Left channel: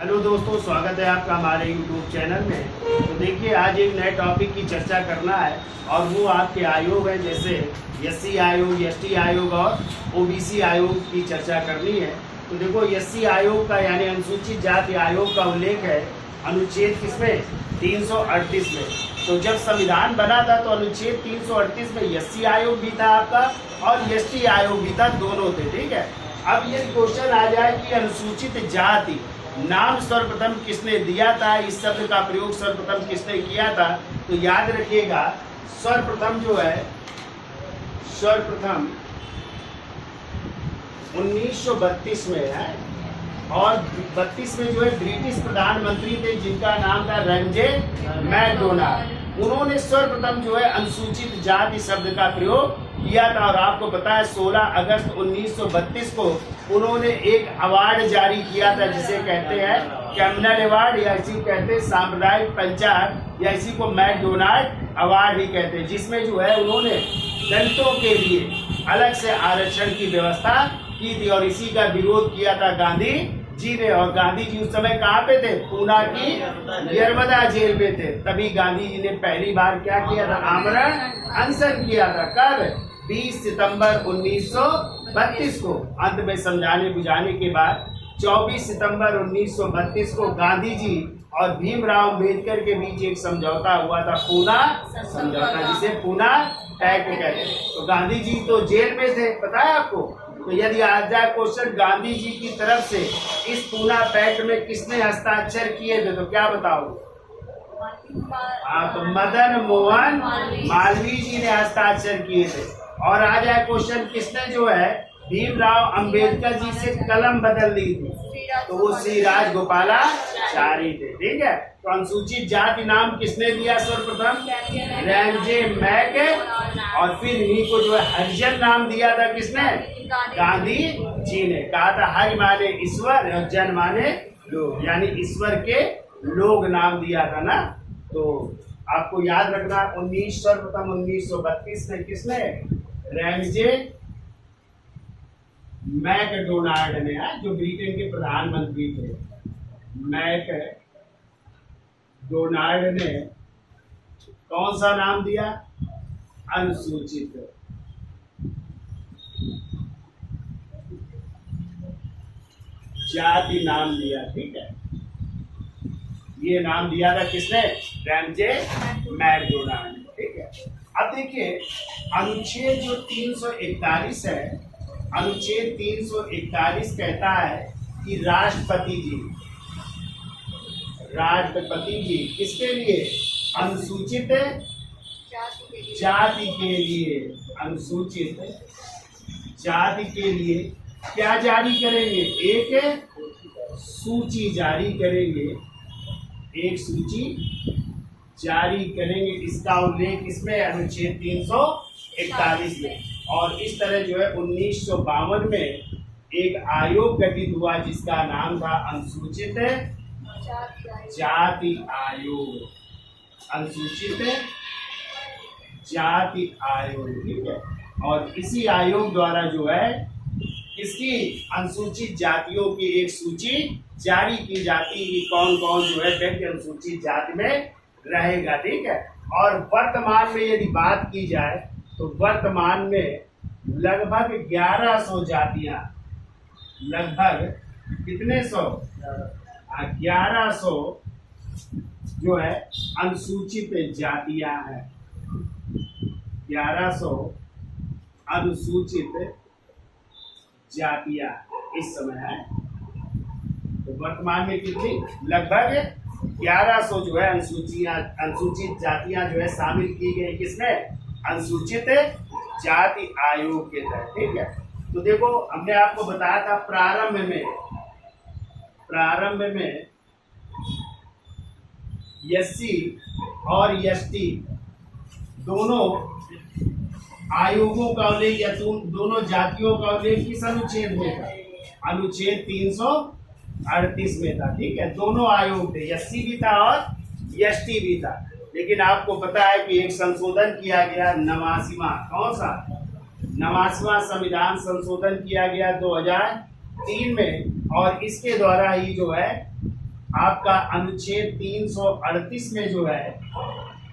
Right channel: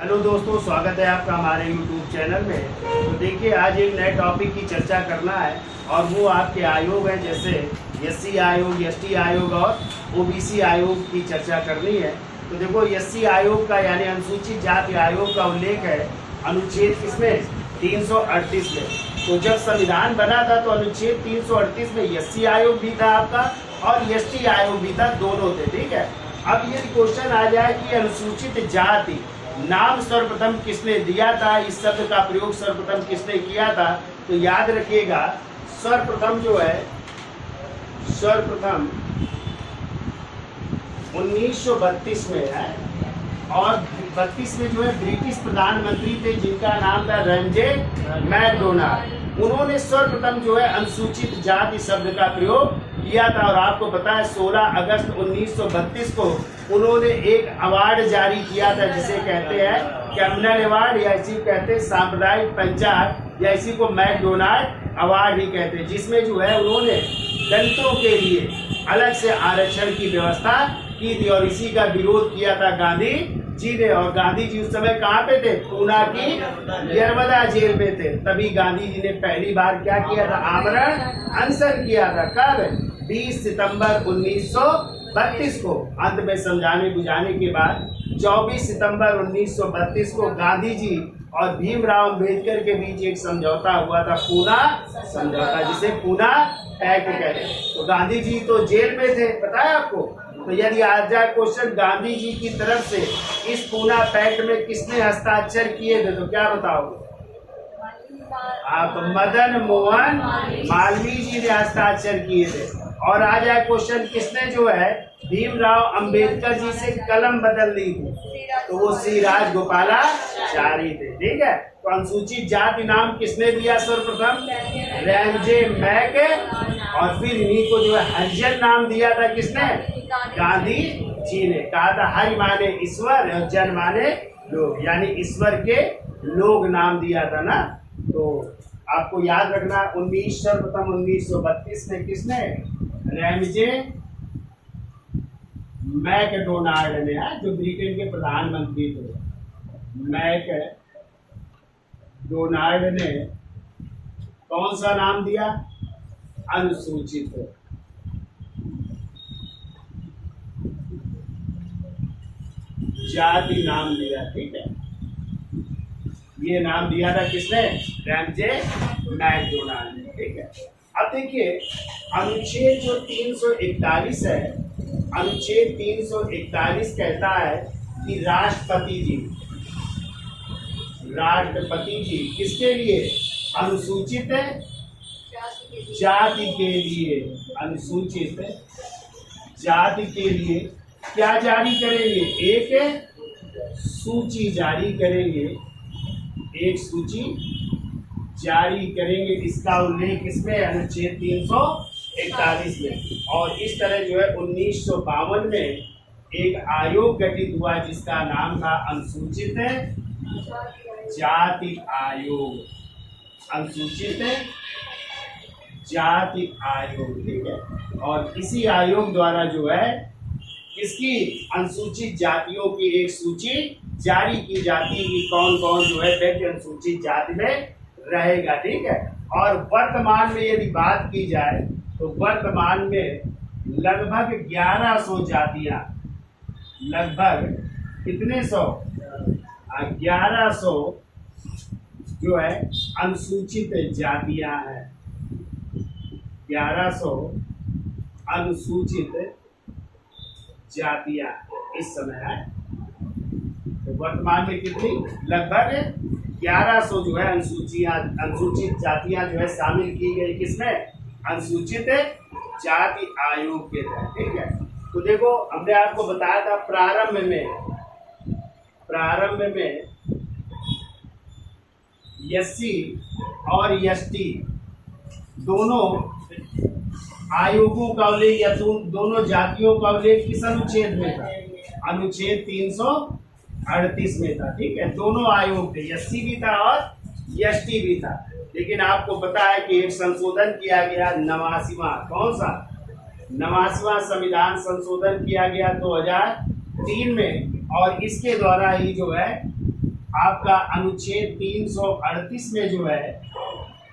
Hello दोस्तों, स्वागत है आपका हमारे YouTube चैनल में। तो देखिए, आज एक नए टॉपिक की चर्चा करना है और वो आपके आयोग हैं, जैसे एससी आयोग, एसटी आयोग और ओबीसी आयोग की चर्चा करनी है। तो देखो, एससी आयोग का यानी अनुसूचित जाति आयोग का उल्लेख है अनुच्छेद किसमें 338 में। तो जब संविधान बना था तो अनुच्छेद 338 में एससी आयोग भी था आपका और एसटी आयोग भी था, दोनों थे। ठीक है, अब ये क्वेश्चन आ जाए कि अनुसूचित जाति नाम सर्वप्रथम किसने दिया था, इस शब्द का प्रयोग सर्वप्रथम किसने किया था। तो याद रखिएगा, सर्वप्रथम जो है, सर्वप्रथम 1932 में है और 32 में जो है ब्रिटिश प्रधानमंत्री थे जिनका नाम था रैमजे मैकडोनाल्ड। उन्होंने सर्वप्रथम जो है अनुसूचित जाति शब्द का प्रयोग किया था और आपको पता है 16 अगस्त 1932 को उन्होंने एक अवार्ड जारी किया था जिसे कहते हैं कम्युनल अवार्ड, या इसी को कहते हैं सांप्रदायिक पंचायत, या इसी को मैकडोनाल्ड अवार्ड भी कहते हैं, जिसमें जो है उन्होंने दलितों के लिए अलग से आरक्षण की व्यवस्था की थी और इसी का विरोध किया था गांधी जी ने। और गांधी जी उस समय कहाँ पे थे? पूना की यरवदा जेल में थे। तभी गांधी जी ने पहली बार क्या किया था? आमरण अनशन किया था। कब? 20 सितंबर 1932 को। अंत में समझाने बुझाने के बाद 24 सितंबर 1932 को गांधी जी और भीमराव अम्बेडकर के बीच एक समझौता हुआ था, पूना समझौता, जिसे पूना पैक्ट कहते हैं। तो गांधी जी तो जेल में थे, पता है आपको। तो यदि आ जाए क्वेश्चन गांधी जी की तरफ से इस पूना पैक्ट में किसने हस्ताक्षर किए थे, तो क्या बताओगे? तो मदन मोहन मालवीय जी ने हस्ताक्षर किए थे। और आ जाए क्वेश्चन किसने जो है भीमराव अंबेडकर जी से कलम बदल दी थी, तो वो श्री राजगोपालाचारी थे। ठीक है, तो अनुसूचित जाति नाम किसने दिया सर्वप्रथम? Ramsay Mac. और फिर इन्हीं को जो है हरिजन नाम दिया था किसने? गांधी जी ने। कहा था हरि माने ईश्वर और जन माने लोग, यानी ईश्वर के लोग नाम दिया था ना। तो आपको याद रखना, सर्वप्रथम 1932 में किसने? रैमजे मैकडोनाल्ड ने, जो ब्रिटेन के प्रधानमंत्री थे, मैकडोनाल्ड ने कौन सा नाम दिया? अनुसूचित जाति नाम दिया। ठीक है, ये नाम दिया था किसने? रैमजे मैकडोनाल्ड ने। ठीक है, अब देखिए अनुच्छेद जो 341 है, अनुच्छेद 341 कहता है कि राष्ट्रपति जी किसके लिए? अनुसूचित जाति के लिए, अनुसूचित जाति के लिए क्या जारी करेंगे? एक सूची जारी करेंगे, एक सूची जारी करेंगे। इसका उल्लेख इसमें अनुच्छेद 341 में। और इस तरह जो है 1952 में एक आयोग गठित हुआ जिसका नाम था अनुसूचित जाति आयोग, अनुसूचित जाति आयोग। ठीक है, और इसी आयोग द्वारा जो है किसकी? अनुसूचित जातियों की एक सूची जारी की जाती है कि कौन कौन जो है व्यक्ति अनुसूचित जाति में रहेगा। ठीक है, और वर्तमान में यदि बात की जाए तो वर्तमान में लगभग 1100 जातियां, लगभग कितने सौ? 1100 जो है अनुसूचित जातियां हैं। 1100 अनुसूचित जातियां इस समय है। तो वर्तमान में कितनी? लगभग 1100 जो है अनुसूचित जातियां जो है शामिल की गई किसमें? अनुसूचित जाति आयोग के तहत। ठीक है, तो देखो हमने आपको बताया था प्रारंभ में एससी और एसटी दोनों आयोगों का उल्लेख या दोनों जातियों का उल्लेख किस अनुच्छेद में था? अनुच्छेद 338 में था। ठीक है, दोनों आयोग थे, एससी भी था और एसटी भी था। लेकिन आपको पता है कि एक संशोधन किया गया 89वां, कौन सा? 89वां संविधान संशोधन किया गया 2003 में, और इसके द्वारा ही जो है आपका अनुच्छेद 338 में जो है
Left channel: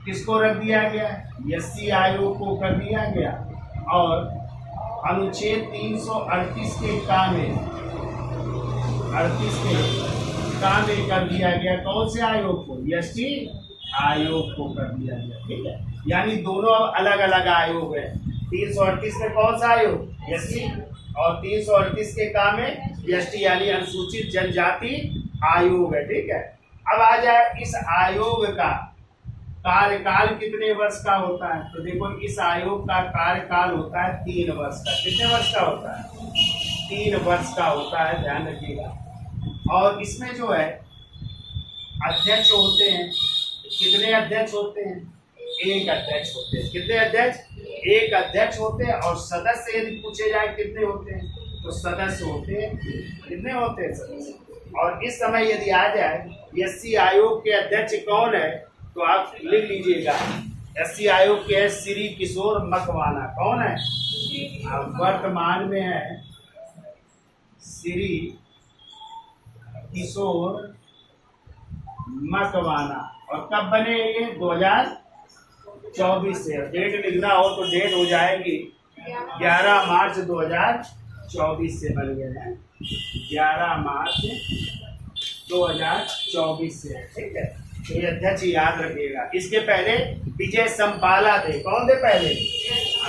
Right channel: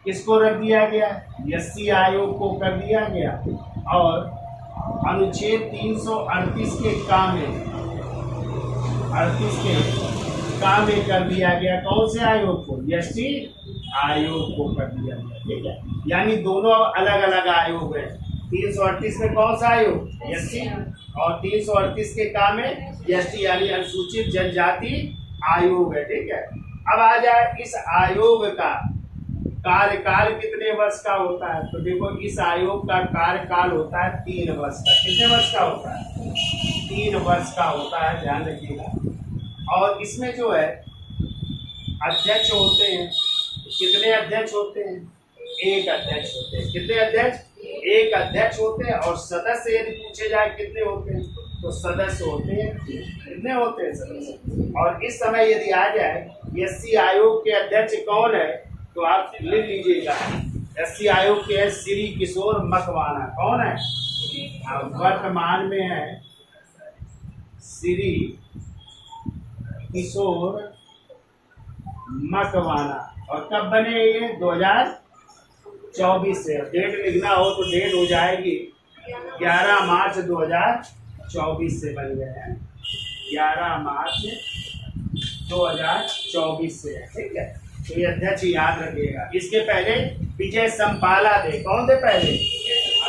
किसको रख दिया गया, एससी आयोग को कर दिया गया। और अनुच्छेद 338 के काम में 38 के काम में कर दिया गया कौन से आयोग को, एससी आयोग को कर दिया गया। ठीक है, यानी दोनों अलग अलग आयोग है। 338 में कौन सा आयोग, एससी, और 338 के काम में एसटी यानी अनुसूचित जनजाति आयोग है। ठीक है, अब आ जाए इस आयोग का कार्यकाल कितने वर्ष का होता है। तो देखो इस आयोग का कार्यकाल होता है 3 वर्ष का। कितने वर्ष का होता है, 3 वर्ष का होता है, ध्यान रखिएगा। और इसमें जो है अध्यक्ष होते हैं, कितने अध्यक्ष होते हैं, 1 अध्यक्ष होते हैं। कितने अध्यक्ष, 1 अध्यक्ष होते हैं। और सदस्य यदि पूछे जाए कितने होते हैं, तो सदस्य होते हैं, कितने होते हैं, सदस्य। और इस समय यदि आ जाए एससी आयोग के अध्यक्ष कौन है, तो आप लिख लीजिएगा, एससी आयोग के है श्री किशोर मकवाना। कौन है, वर्तमान में है श्री किशोर मकवाना। और कब बने ये, 2024 से। डेट लिखना हो तो डेट हो जाएगी 11 मार्च 2024 से बन गए हैं, 11 मार्च 2024 से है। ठीक है, तो ये अध्यक्ष याद रखिएगा। इसके पहले विजय संपाला थे। कौन थे पहले,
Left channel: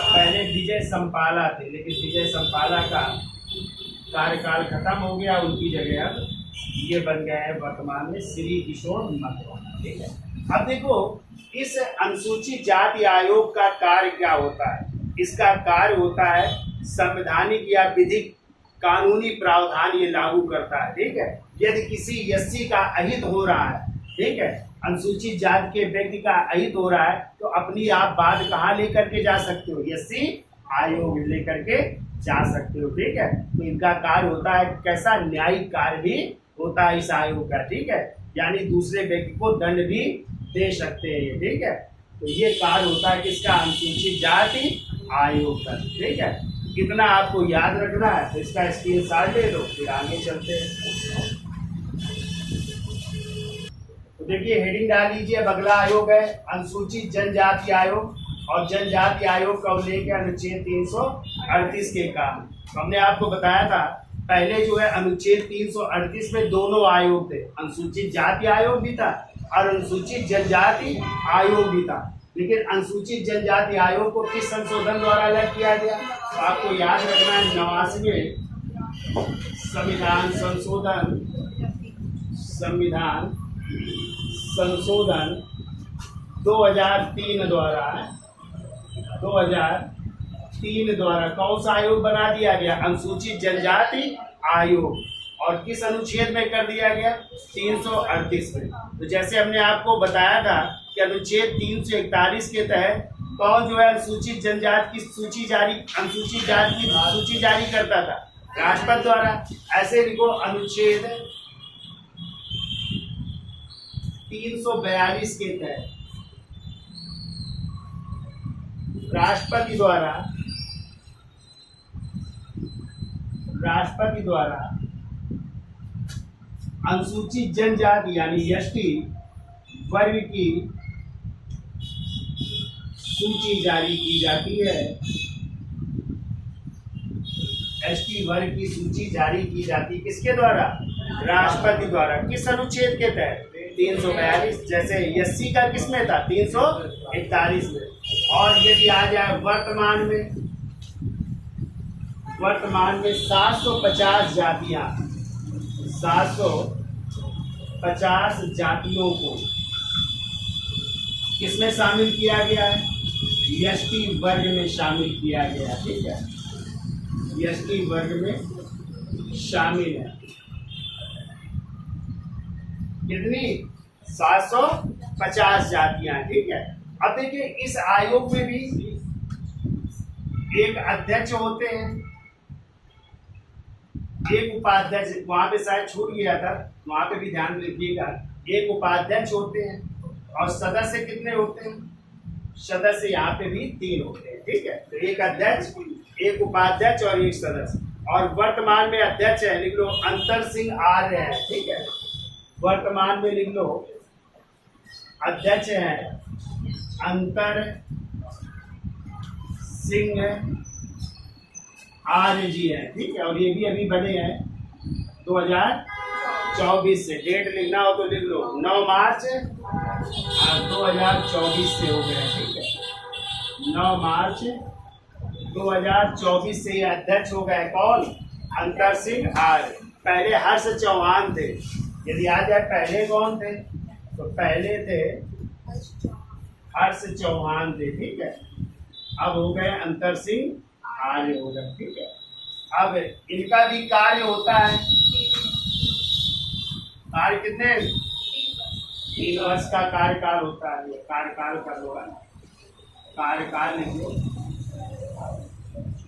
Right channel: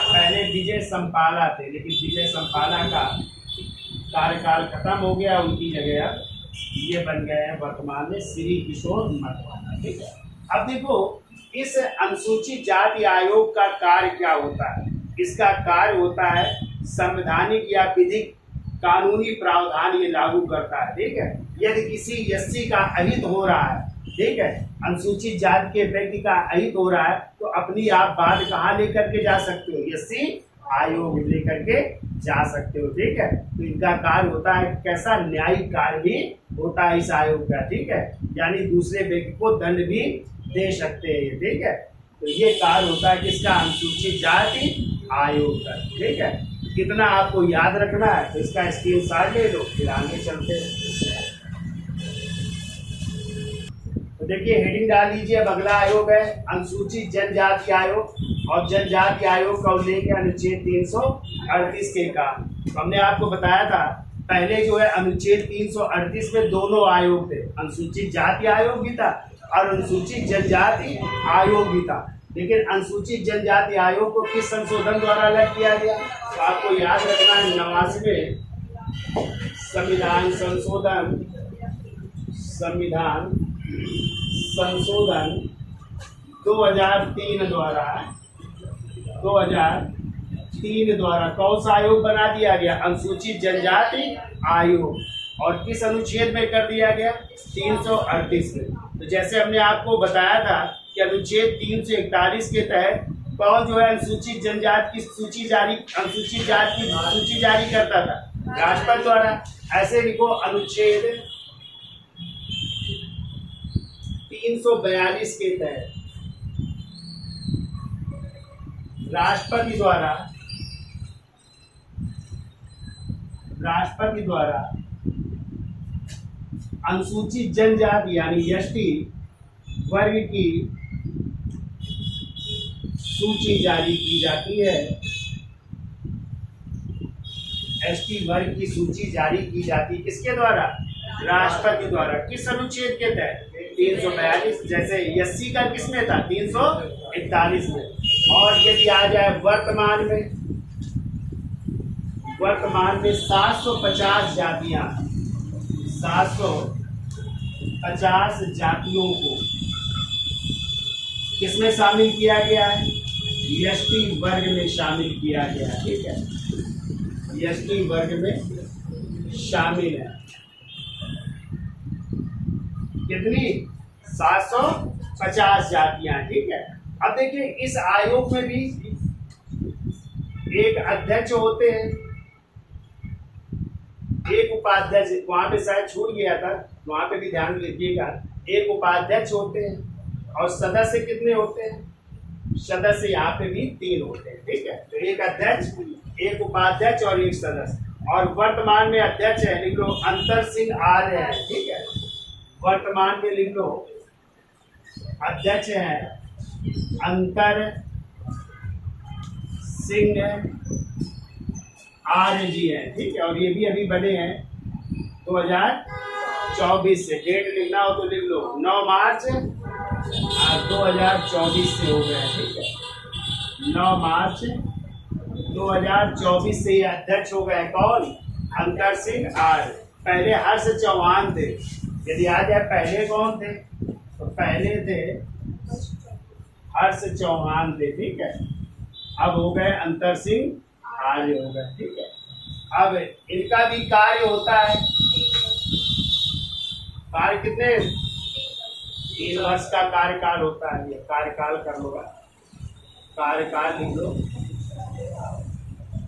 पहले विजय संपाला थे, लेकिन विजय संपाला का कार्यकाल खत्म हो गया, उनकी जगह अब ये बन गए हैं वर्तमान में श्री किशोर मकवाना। ठीक है, अब देखो इस अनुसूचित जाति आयोग का कार्य क्या होता है। इसका कार्य होता है संवैधानिक या विधिक कानूनी प्रावधान ये लागू करता है। ठीक है, यदि किसी एससी का अहित हो रहा है, ठीक है, अनुसूचित जाति के व्यक्ति का अहित हो रहा है, तो अपनी आप बात कहाँ लेकर के जा सकते हो, एससी आयोग लेकर के जा सकते हो। ठीक है, तो इनका कार्य होता है कैसा, न्यायिक कार्य भी होता है इस आयोग का। ठीक है, यानी दूसरे व्यक्ति को दंड भी दे सकते हैं ये। ठीक है, तो ये कार्य होता है किसका, अनुसूचित जाति आयोग का। ठीक है, कितना आपको याद रखना है, तो इसका स्क्रीनशॉट ले लो, फिर आगे चलते हैं। तो देखिए हेडिंग डाल लीजिए, अब अगला आयोग है अनुसूचित जनजाति आयोग। और जनजाति आयोग का उल्लेख है अनुच्छेद 338 के काम। तो हमने आपको बताया था पहले जो है अनुच्छेद 338 में दोनों आयोग थे, अनुसूचित जाति आयोग भी था और अनुसूचित जनजाति आयोग भी था। लेकिन अनुसूचित जनजाति आयोग को किस संशोधन द्वारा अलग किया गया, तो आपको याद रखना है 89वें संविधान संशोधन 2003 द्वारा कौन सा आयोग बना दिया गया, अनुसूचित जनजाति आयोग। और किस अनुच्छेद में कर दिया गया, 338 में। तो जैसे हमने आपको बताया था कि अनुच्छेद 341 के तहत कौन जो है अनुसूचित जनजाति की सूची जारी, अनुसूचित जाति की सूची जारी करता था, राष्ट्रपति द्वारा। ऐसे लिखो अनुच्छेद 342 के तहत राष्ट्रपति द्वारा अनुसूचित जनजाति यानी एसटी वर्ग की सूची जारी की जाती है। एसटी वर्ग की सूची जारी की जाती किसके द्वारा, राष्ट्रपति द्वारा। किस अनुच्छेद के तहत, 342। जैसे एससी का किसमें था, 341 में। और यदि आ जाए वर्तमान में 750 जातियां, 750 जातियों को किसमें शामिल किया गया है, एसटी वर्ग में शामिल किया गया। ठीक है, एसटी वर्ग में शामिल है। कितनी, 750 जातियां। ठीक है, अब देखिए इस आयोग में भी एक अध्यक्ष होते हैं, एक उपाध्यक्ष, वहां पे शायद छूट गया था, वहां पे भी ध्यान रखिएगा। एक उपाध्यक्ष होते हैं और सदस्य कितने होते हैं, सदस्य यहाँ पे भी 3 होते हैं। ठीक है, तो एक अध्यक्ष, एक उपाध्यक्ष और एक सदस्य। और वर्तमान में अध्यक्ष है, लिख लो अंतर सिंह आर्य है। ठीक है, वर्तमान में लिख लो अध्यक्ष हैं अंतर सिंह आर्य जी हैं, ठीक है। और ये भी अभी बने हैं 2024 से। डेट लिखना हो तो लिख लो 9 मार्च 2024 से हो गया, ठीक है। 9 मार्च 2024 से ये अध्यक्ष हो गए कौन? अंतर सिंह आर्य। पहले हर्ष चौहान थे। यदि आ जाए पहले कौन थे तो पहले थे हर्ष चौहान थे, ठीक है। अब हो गए अंतर सिंह आर्य हो गए, ठीक है। अब इनका भी कार्य होता है, कार्य कितने 3 वर्ष का कार्यकाल होता है। ये कार्यकाल कर लो, कार्यकाल लिख लो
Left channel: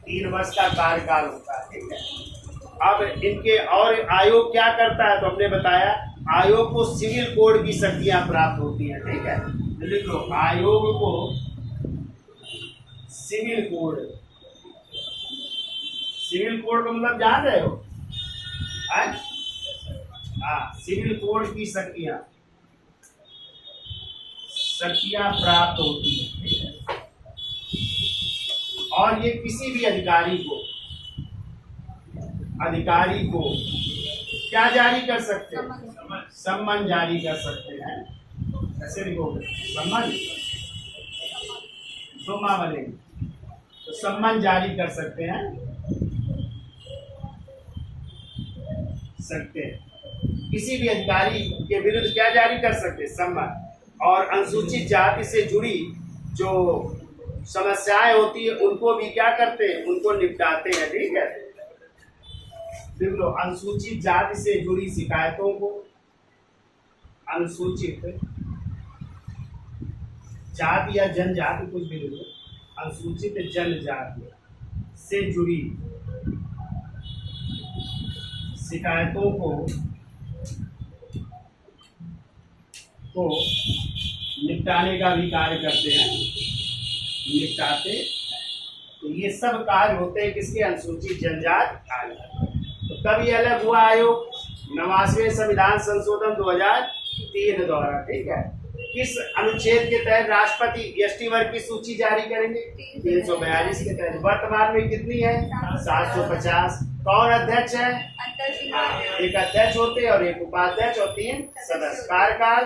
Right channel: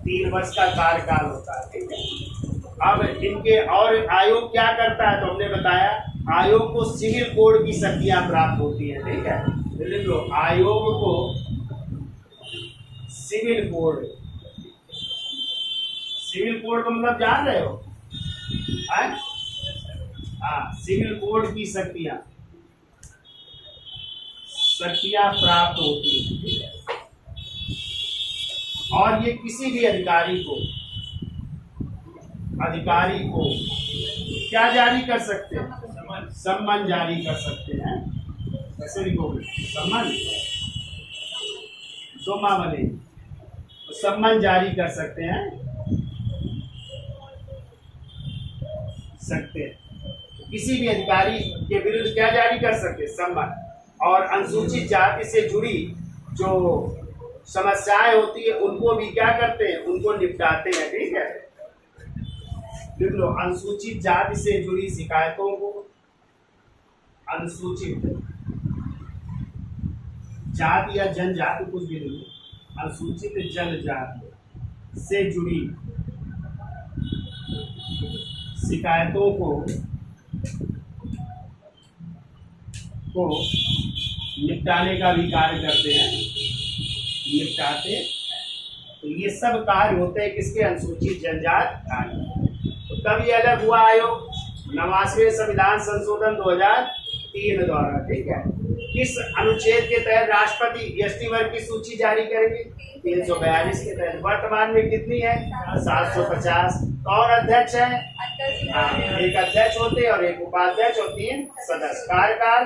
3 वर्ष का कार्यकाल होता है, ठीक है। अब इनके और आयोग क्या करता है तो हमने बताया आयोग को सिविल कोड की शक्तियां प्राप्त होती हैं, ठीक है। लिख लो आयोग को सिविल कोड। सिविल कोड का मतलब जान रहे हो? हाँ, सिविल कोड की शक्तियां प्राप्त होती हैं, ठीक है। और ये किसी भी अधिकारी को क्या जारी कर सकते हैं? सम्मन जारी कर सकते हैं। कैसे लिखोगे? सम्मन दो माँ वाले तो सम्मन जारी कर सकते हैं, किसी भी अधिकारी के विरुद्ध क्या जारी कर सकते हैं? सम्मन। और अनुसूचित जाति से जुड़ी जो समस्याएं होती है उनको भी क्या करते हैं? उनको निपटाते हैं, ठीक है। देख लो अनुसूचित जाति से जुड़ी शिकायतों को, अनुसूचित जाति या जनजाति कुछ भी ले लो, अनुसूचित जनजाति से जुड़ी शिकायतों को निपटाने का भी कार्य करते हैं, निपटाते। तो ये सब कार्य होते हैं किसके? अनुसूचित जनजाति। तो तब ये अलग हुआ आयोग 89वें संविधान संशोधन 2003 द्वारा, ठीक है। किस अनुच्छेद के तहत राष्ट्रपति एसटी वर्ग की सूची जारी करेंगे? 342 के तहत। वर्तमान में कितनी है? 750। कौन अध्यक्ष है? एक अध्यक्ष होते और एक उपाध्यक्ष और 3 सदस्य। कार्यकाल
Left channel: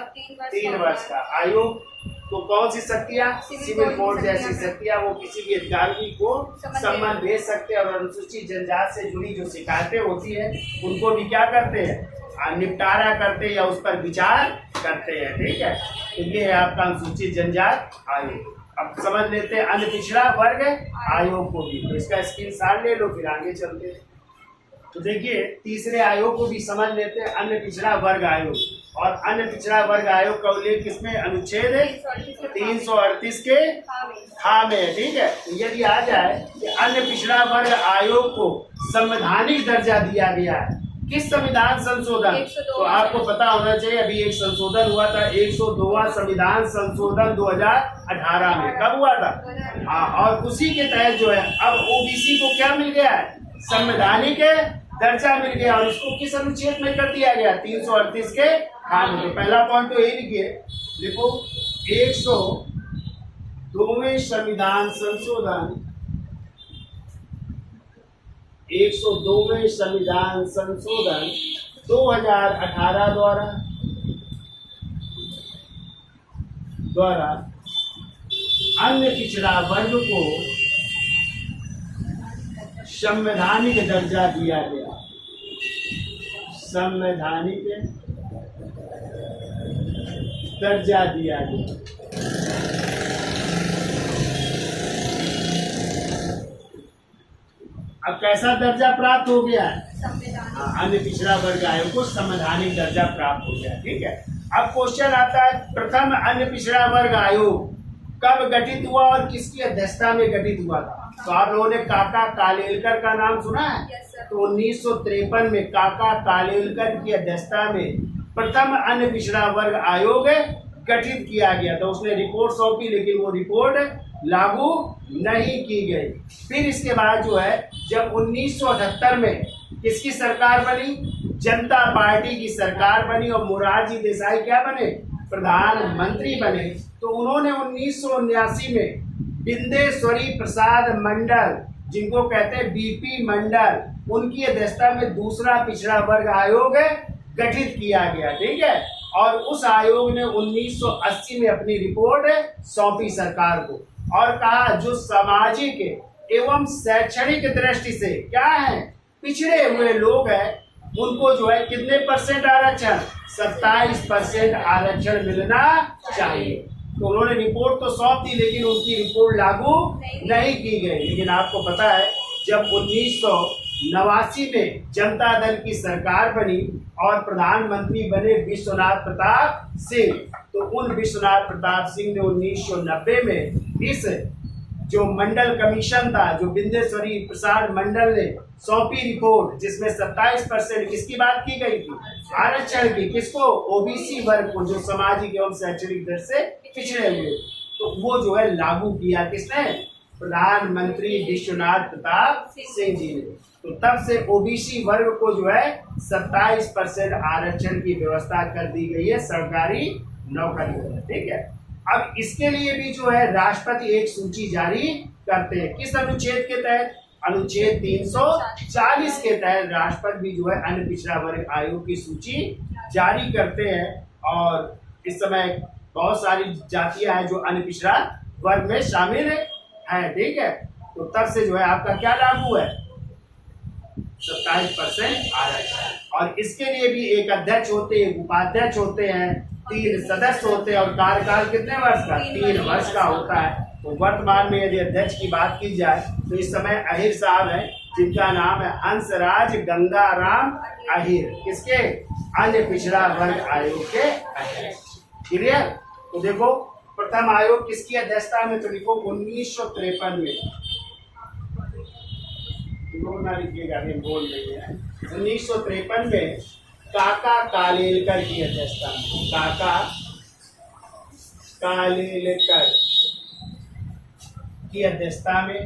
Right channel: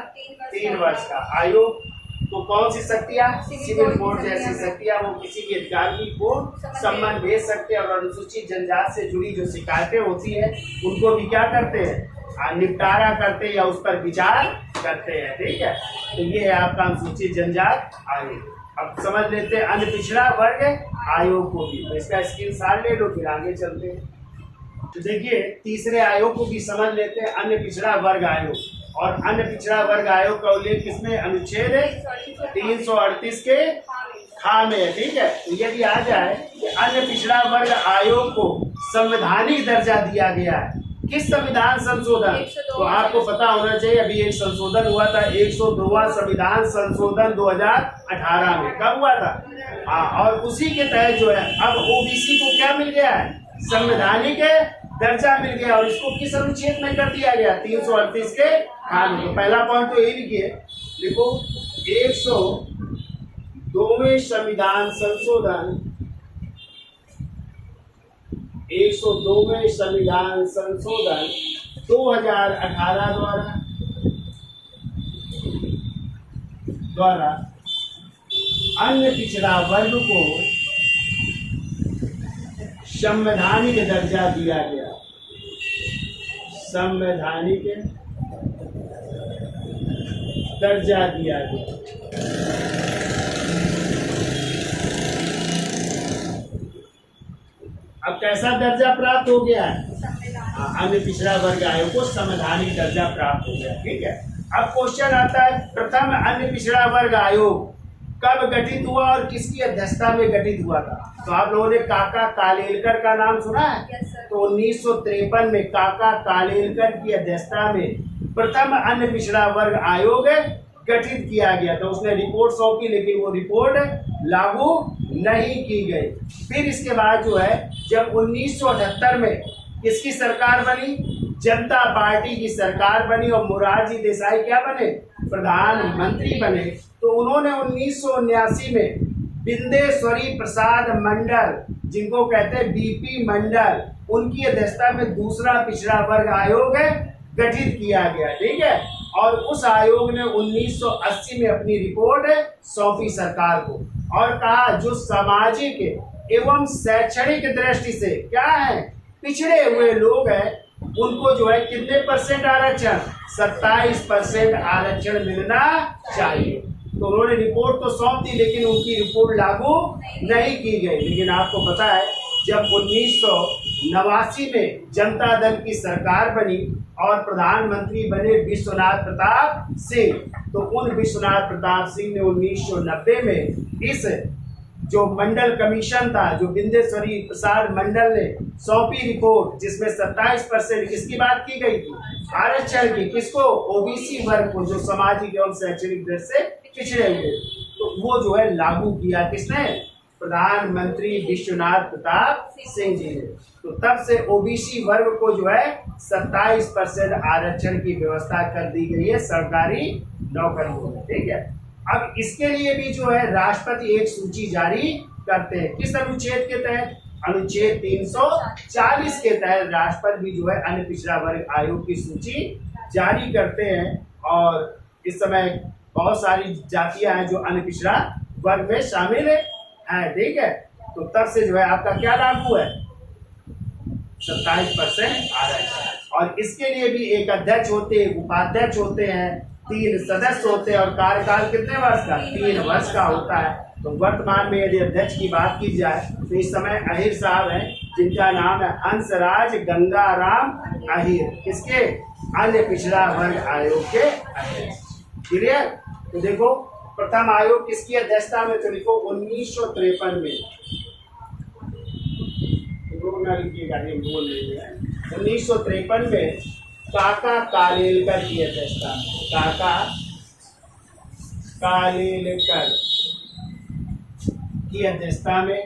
3 वर्ष का। आयोग तो कौन सी शक्तियाँ? सिविल कोड जैसी शक्तियाँ। वो किसी भी अधिकारी को सम्मन भेज सकते हैं और अनुसूचित जनजाति से जुड़ी जो शिकायतें होती है उनको भी क्या करते हैं? निपटारा करते हैं या उस पर विचार करते हैं, ठीक है। तो ये है आपका अनुसूचित जनजाति आयोग। अब समझ लेते हैं अन्य पिछड़ा वर्ग आयोग को भी। तो इसका स्क्रीनशॉट ले लो, फिर आगे चलते हैं। तो देखिए तीसरे आयोग को भी समझ लेते हैं, अन्य पिछड़ा वर्ग आयोग। और अन्य पिछड़ा वर्ग आयोग का उल्लेख किसमें? अनुच्छेद 338 के खा में, ठीक है। तो यदि आ जाए कि अन्य पिछड़ा वर्ग आयोग को संवैधानिक दर्जा दिया गया है, किस संविधान संशोधन? तो आपको पता होना चाहिए अभी एक संशोधन हुआ था 102वां संविधान संशोधन 2018 में। कब हुआ था? हाँ, और उसी के तहत जो है अब ओबीसी को क्या मिल गया है? संवैधानिक दर्जा मिल गया। और इसको किस अनुच्छेद में कर दिया गया? 338 के खा में। तो पहला पॉइंट तो यही लिखिए, लिखो 102वें संविधान संशोधन 102वें संविधान संशोधन 2018 द्वारा अन्य पिछड़ा वर्ग को संवैधानिक दर्जा दिया गया। संवैधानिक दर्जा दिया गया। अब कैसा दर्जा प्राप्त हो गया है? अन्य पिछड़ा वर्ग आयोग को संवैधानिक दर्जा प्राप्त हो गया, ठीक है। अब क्वेश्चन आता है प्रथम अन्य पिछड़ा वर्ग आयोग कब गठित हुआ और किसकी अध्यक्षता में गठित हुआ था? तो आप लोगों ने काका कालेलकर का नाम सुना है? तो 1953 में काका कालेलकर की अध्यक्षता में प्रथम अन्य पिछड़ा वर्ग आयोग गठित किया गया। तो उसने रिपोर्ट सौंपी लेकिन वो रिपोर्ट लागू नहीं की गई। फिर इसके बाद जो है जब 1978 में किसकी सरकार बनी? जनता पार्टी की सरकार बनी और मोरारजी देसाई क्या बने, प्रधानमंत्री बने, तो उन्होंने 1979 में बिंदेश्वरी प्रसाद मंडल, जिनको कहते हैं बीपी मंडल, उनकी अध्यक्षता में दूसरा पिछड़ा वर्ग आयोग गठित किया गया। ठीक है, और उस आयोग ने 1980 में अपनी रिपोर्ट सौंपी सरकार को और कहा जो सामाजिक एवं शैक्षणिक दृष्टि से क्या है, पिछड़े हुए लोग हैं, उनको जो है कितने परसेंट आरक्षण, 27% आरक्षण मिलना चाहिए। तो उन्होंने रिपोर्ट तो सौंप दी, लेकिन उनकी रिपोर्ट लागू नहीं की गई। लेकिन आपको पता है जब 1989 में जनता दल की सरकार बनी और प्रधानमंत्री बने विश्वनाथ प्रताप सिंह, तो उन विश्वनाथ प्रताप सिंह ने 1990 में इस जो मंडल कमीशन था, जो बिंदेश्वरी प्रसाद मंडल ने सौंपी रिपोर्ट, जिसमें 27% किसकी बात की गई थी, आरक्षण की, किसको, ओबीसी वर्ग को, जो सामाजिक एवं शैक्षणिक दृष्टि से पिछड़े हुए, तो वो जो है लागू किया किसने, प्रधानमंत्री विश्वनाथ प्रताप सिंह जी ने। तो तब से ओबीसी वर्ग को जो है 27% आरक्षण की व्यवस्था कर दी गई है सरकारी नौकरियों में। ठीक है, अब इसके लिए भी जो है राष्ट्रपति एक सूची जारी करते हैं। किस अनुच्छेद के तहत, अनुच्छेद 340 के तहत राष्ट्रपति भी जो है अन्य पिछड़ा वर्ग आयोग की सूची जारी करते हैं। और इस समय बहुत सारी जातियां हैं जो अन्य पिछड़ा वर्ग में शामिल है। ठीक है, तो तब से जो है आपका क्या लागू है, 27% आरक्षण। और इसके लिए भी एक अध्यक्ष होते हैं, उपाध्यक्ष होते हैं, 3 सदस्य होते हैं और कार्यकाल कितने वर्ष का, 3 वर्ष का होता है। तो वर्तमान में यदि अध्यक्ष की बात की जाए तो इस समय अहिर साहब हैं, जिनका नाम है हंसराज गंगाराम अहिर, किसके, अन्य पिछड़ा वर्ग आयोग के अध्यक्ष। क्लियर। तो देखो प्रथम आयोग किसकी अध्यक्षता में, तो लिखो 1953 में, ना लिखिएगा, बोल रही है, 1953 में काका कालेलकर की अध्यक्षता में, काका कालेलकर की अध्यक्षता में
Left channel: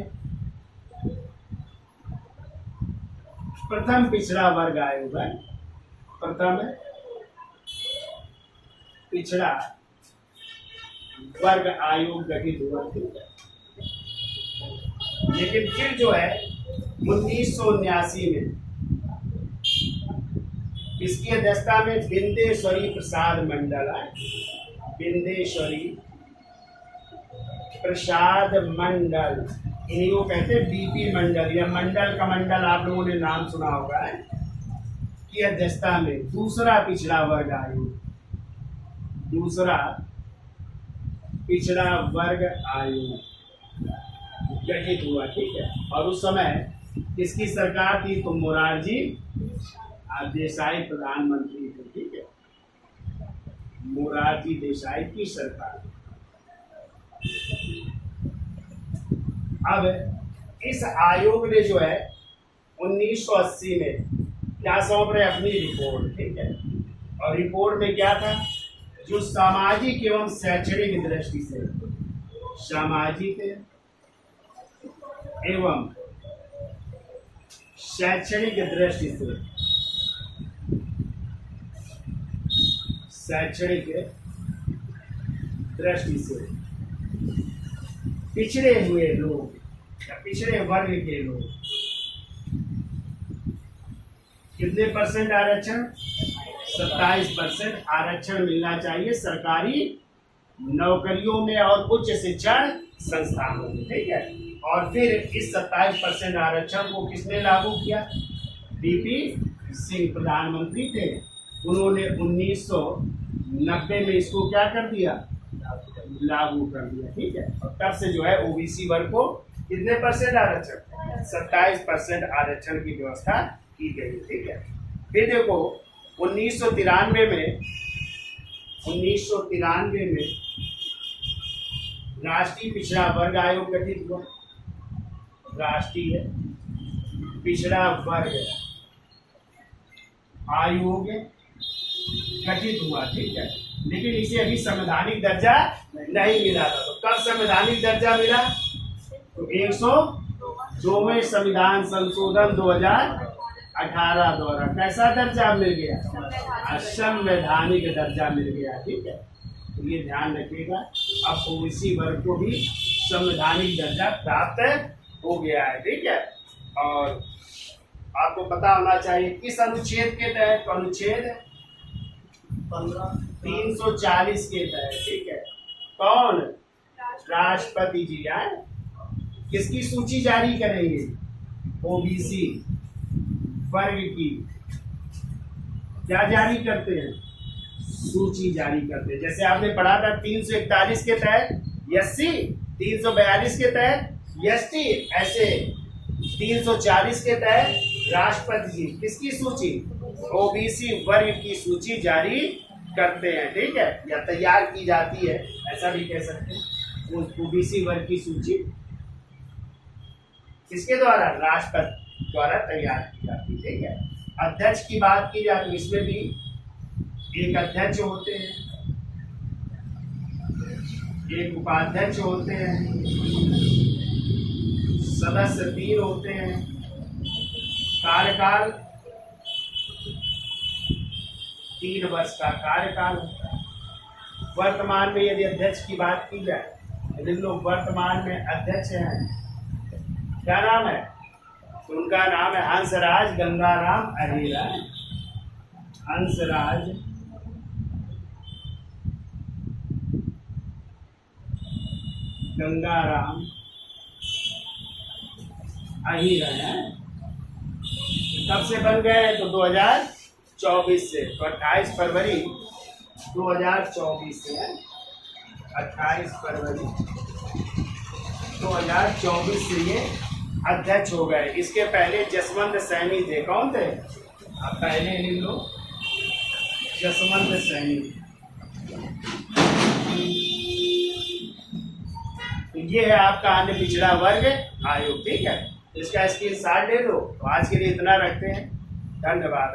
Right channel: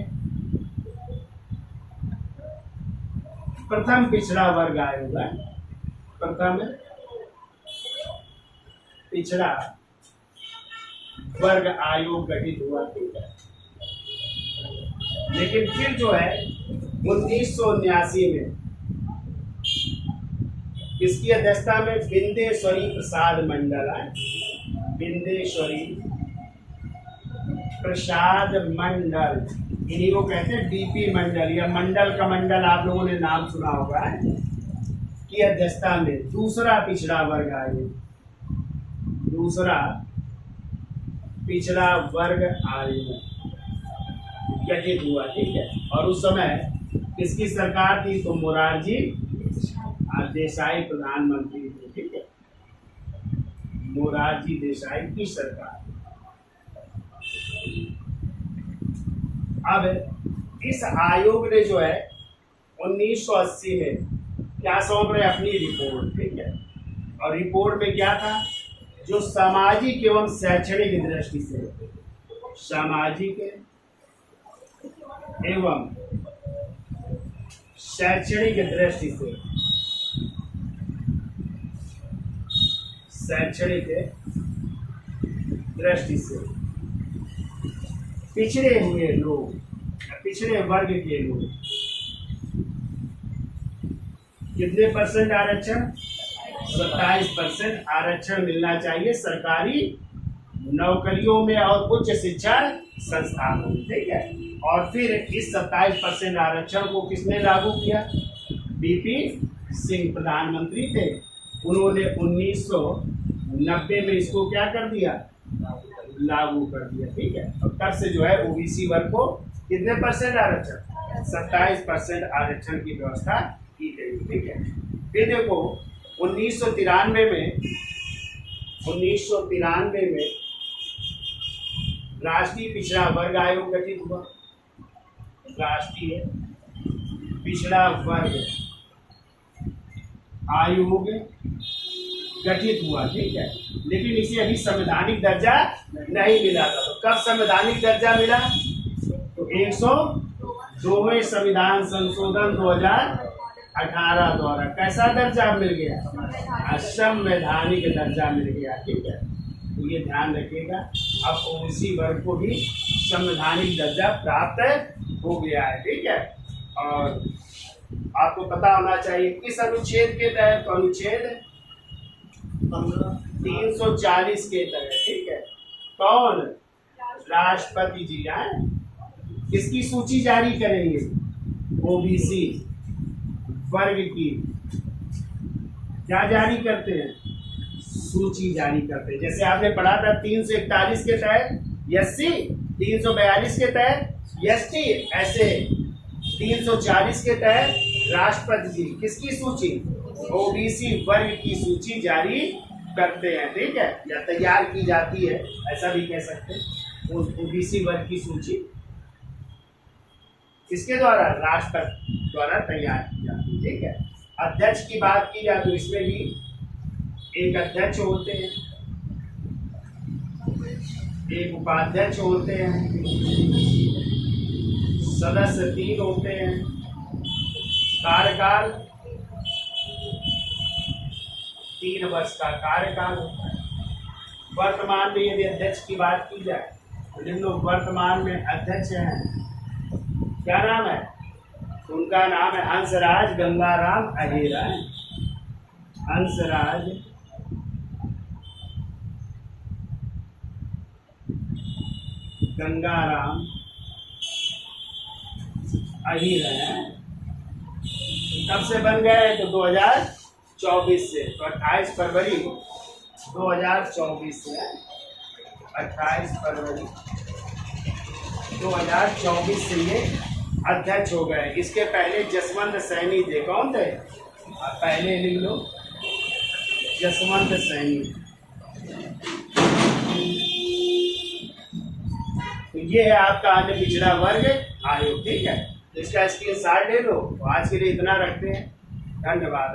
प्रथम पिछड़ा वर्ग आयोग है, प्रथम पिछड़ा वर्ग आयोग गठित हुआ। ठीक है, लेकिन फिर जो है 1979 में किसकी अध्यक्षता में, बिंदेश्वरी प्रसाद मंडल है, बिंदेश्वरी प्रसाद मंडल, इन्हीं को कहते हैं बीपी मंडल, या मंडल का मंडल आप लोगों ने नाम सुना होगा, की अध्यक्षता में दूसरा पिछड़ा वर्ग आयोग, दूसरा पिछड़ा वर्ग आयोग गठित हुआ। ठीक है, और उस समय किसकी सरकार थी, तो मोरारजी देसाई प्रधानमंत्री थे। ठीक है, मोरारजी देसाई की सरकार। अब इस आयोग ने जो है 1980 में क्या सौंप रहे, अपनी रिपोर्ट। ठीक है, और रिपोर्ट में क्या था, जो सामाजिक एवं शैक्षणिक दृष्टि से, सामाजिक एवं शैक्षणिक दृष्टि से, शैक्षणिक दृष्टि से पिछड़े हुए लोग या पिछड़े वर्ग के लोग कितने परसेंट आरक्षण, 27% आरक्षण मिलना चाहिए सरकारी नौकरियों में और उच्च शिक्षण संस्थानों में। ठीक है, और फिर इस 27% आरक्षण को किसने लागू किया, बीपी सिंह प्रधानमंत्री थे, उन्होंने 1990 में इसको क्या कर दिया, लागू कर दिया। ठीक है, और तब से जो है ओबीसी वर्ग को कितने परसेंट आरक्षण, 27% आरक्षण की व्यवस्था की गई। ठीक है, फिर देखो 1993 में राष्ट्रीय पिछड़ा वर्ग आयोग गठित हुआ, राष्ट्रीय पिछड़ा वर्ग आयोग गठित हुआ। ठीक है, लेकिन इसे अभी संवैधानिक दर्जा नहीं मिला था। तो कब संवैधानिक दर्जा मिला, तो 102वें संविधान संशोधन 18 द्वारा कैसा दर्जा मिल गया? असंवैधानिक दर्जा मिल गया। ठीक है, तो ये ध्यान रखिएगा। अब ओबीसी वर्ग को भी संवैधानिक दर्जा प्राप्त हो गया है। ठीक है, और आपको पता होना चाहिए किस अनुच्छेद के तहत? तो अनुच्छेद 340 के तहत। ठीक है, कौन? राष्ट्रपति जी आए किसकी सूची जारी करेंगे? ओबीसी वर्ग की क्या जारी करते हैं? सूची जारी करते हैं। जैसे आपने पढ़ा था 341 के तहत एससी, 342 के तहत एसटी, ऐसे 340 के तहत राष्ट्रपति जी किसकी सूची? ओबीसी वर्ग की सूची जारी करते हैं। ठीक है, या तैयार की जाती है, ऐसा भी कह सकते हैं। ओबीसी वर्ग की सूची किसके द्वारा? राष्ट्रपति द्वारा तैयार की जाती है। ठीक है, अध्यक्ष की बात की जाए तो इसमें भी एक अध्यक्ष होते हैं, एक उपाध्यक्ष होते हैं, सदस्य 3 होते हैं, कार्यकाल 3 वर्ष का कार्यकाल होता है। वर्तमान में यदि अध्यक्ष की बात की जाए तो जिन लोग वर्तमान में अध्यक्ष हैं, क्या नाम है? तो उनका नाम है हंसराज गंगाराम अहीरा। हंसराज गंगाराम अहीर है। कब से बन गए? तो 2024 से। तो 28 फरवरी 2024 से, 28 फरवरी 2024 से ये अध्यक्ष हो गए। इसके पहले जसवंत सैनी थे। कौन थे? आप पहले लिख लो, जसवंत सैनी। तो ये है आपका अन्य पिछड़ा वर्ग आयोग। ठीक है, तो इसका स्क्रीनशॉट ले लो। तो आज के लिए इतना रखते हैं। धन्यवाद।